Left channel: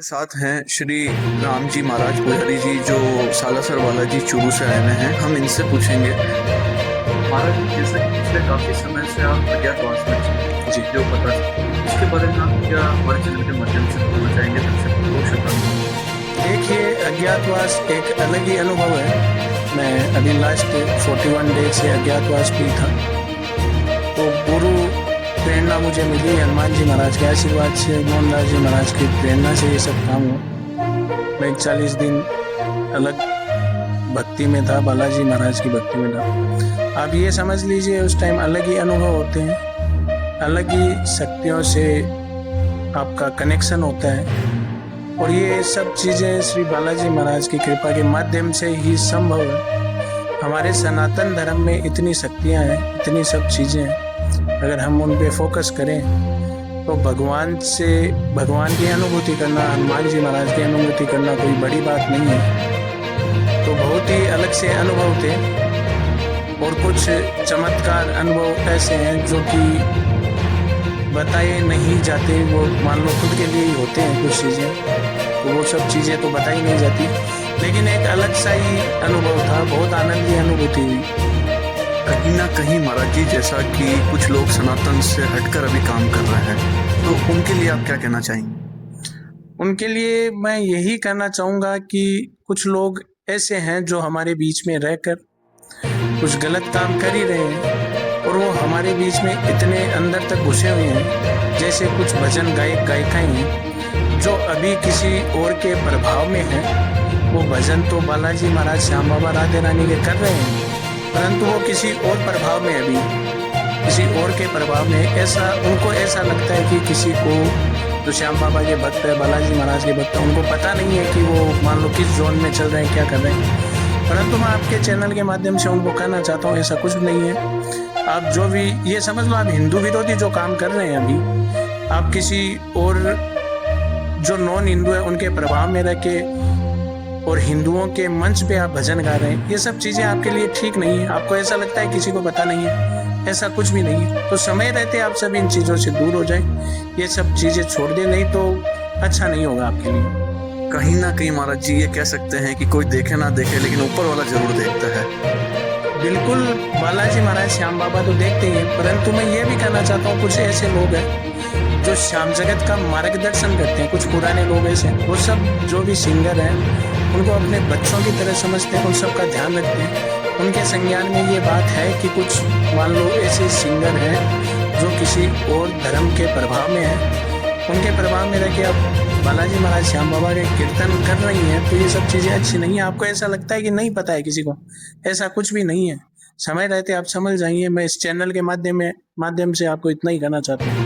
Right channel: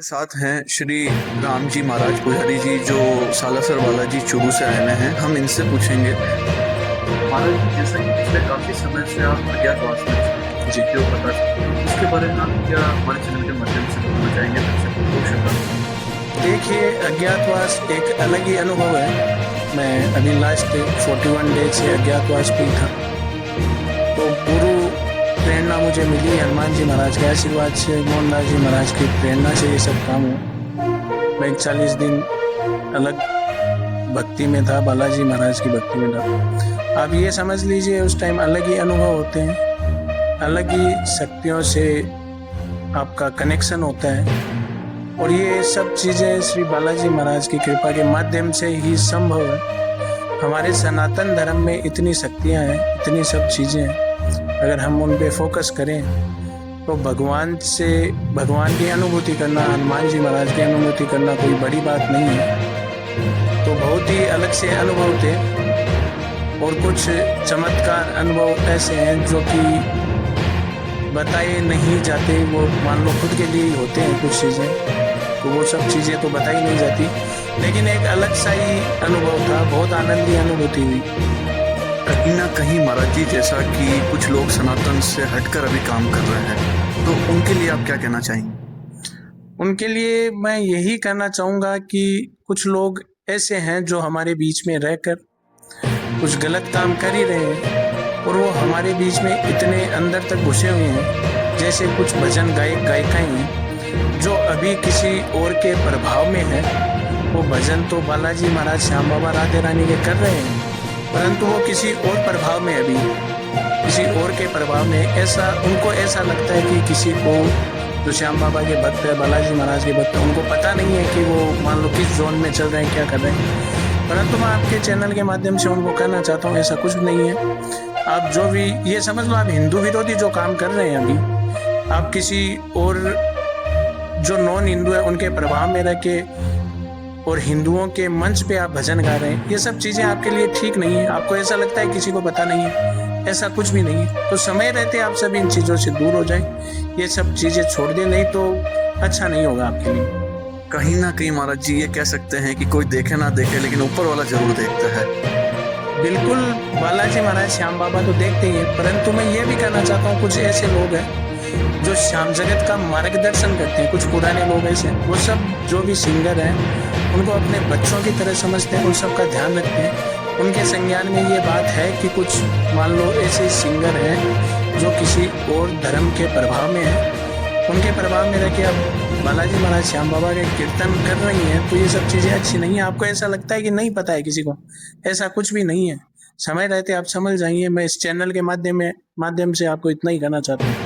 साथ हैं श्री राम जी महाराज पुजारी जी जो सालासर बालाजी चूरू से आए हुए हैं। हम इनसे पूछेंगे। महाराज जी, जैसा कि पिछले काफी समय से आप अज्ञातवास में थे, जी। जो पता चला, उसके बारे में आप क्या हमारे चैनल के माध्यम से बताना चाहेंगे दर्शकों को? श्रोताओं देखिए, अज्ञातवास एक अलग ही अनुभव है। मैं अभी लास्ट 41 डेज से अज्ञातवास भी था, तो गुरु प्रेरणा मुझे मिली हनुमान जी महाराज के आशीर्वाद से, मोहनदास जी महाराज की प्रेरणा से ये सब काम हुआ। मैं 40 दिन अलग भक्ति में था, बालाजी महाराज की भक्ति में था। आप ये समझ लीजिए, उस टाइम अलग ही अनुभव होते हैं, अलग ही शक्तियों से आपका कनेक्शन होता है। और ये सब चीज़ें श्री बालाजी महाराज की कृपा के माध्यम से ही संभव है। हमारे सनातन धर्म में इतनी शक्तियाँ हैं, इतनी सब चीज़ें हैं, अगर हम उन पे फोकस करें तो भगवान से, भगवान की अनुभूति करना, हनुमान जी महाराज की अनुभूति करना कोई बड़ी बात नहीं है। तो बहुत ही अलग से अनुभव थे और कुछ चमत्कार अनुभव ऐसे हैं जो कि बताए नहीं जाते। वो मान लो खुद के लिए ही होते हैं कुछ चीज़ें, तो वो सब चीज़ें तो बताई नहीं जाती। लेकिन एक अलग सा ही अनुभव था, बहुत आनंद की अनुभूति हुई। कहीं ना कहीं महाराज जी, जैसा कि कुछ लोग सनातन से हटकर अभी काम कर रहे हैं, तो उनके लिए आप क्या कहना चाहेंगे? उनके लिए मैं यही कहना चाहूँगा कि कुछ लोग ऐसे हैं जो हमारे बीच में रहकर कुछ गलत काम कर ही रहे हैं, और वो हमारे बीच में इतने अंदर तक घुसे हुए हैं। जैसे कुछ भजन गायक गायिकाएं हैं जो अभी किसी और के प्रभाव में हैं। वो भजन तो बालाजी महाराज, श्याम बाबा, राधे रानी के कर रहे हैं, परंतु वो किसी और प्रभाव में, अभी किसी और के प्रभाव में, ऐसा उनको ऐसा लगता है कि किसी को जो श्याम बाबा के भक्त है, बालाजी महाराज के भक्त है, उनको पता नहीं है कि वो मान लो किस जोन में चल रहे हैं, क्या कर रहे हैं। परंतु मैं आपके चैनल के माध्यम से उनको कहना चाहता हूँ, ऐसा कुछ नहीं है। आप जो भी ये समझ लो, आप हिंदू विरोधी जो काम कर रहे हैं अभी, आप किसी और जो नॉन हिंदू है उनके प्रभाव में रह के और हिंदुओं के मंच पे आप भजन गा रहे हैं, ये सब चीज़ें आपके लिए ठीक नहीं है। आपको ऐसा लगता है किसी को पता नहीं है, ऐसा कुछ भी नहीं है। तो समय रहते आप सब इन चीज़ों से दूर हो जाएं, ये सब चीज़ें छोड़ दें, नहीं तो अच्छा नहीं होगा आपके लिए। कहीं ना कहीं महाराज जी ये कह सकते हैं कि कोई देखे ना देखे, लेकिन ऊपर वाला जरूर देखता है। बिल्कुल, बालाजी महाराज, श्याम बाबा तो देखते ही हैं, परंतु मैं ये भी कहना चाहता हूँ, कुछ ऐसे लोग हैं जो श्याम जगत का मार्गदर्शन करते हैं। कुछ पुराने लोग ऐसे, वो सब जो भी सिंगर हैं उनको अपने बच्चों की तरह समझते हैं, उन सब का ध्यान रखते हैं। उनके संज्ञान में ये बात है कि कुछ मान लो ऐसे सिंगर हैं जो किसी और धर्म के प्रभाव में हैं, उनके प्रभाव में रह के अब बालाजी महाराज, श्याम बाबा के कीर्तन कर रही हैं, तो ये सब चीज़ें अच्छी नहीं है। आपको ऐसा लगता है कि नहीं पता है किसी को, ऐसा कुछ भी नहीं है। समय रहते आप समझ जाइए। मैं इस चैनल के माध्यम से आपको इतना ही कहना चाहता हूँ।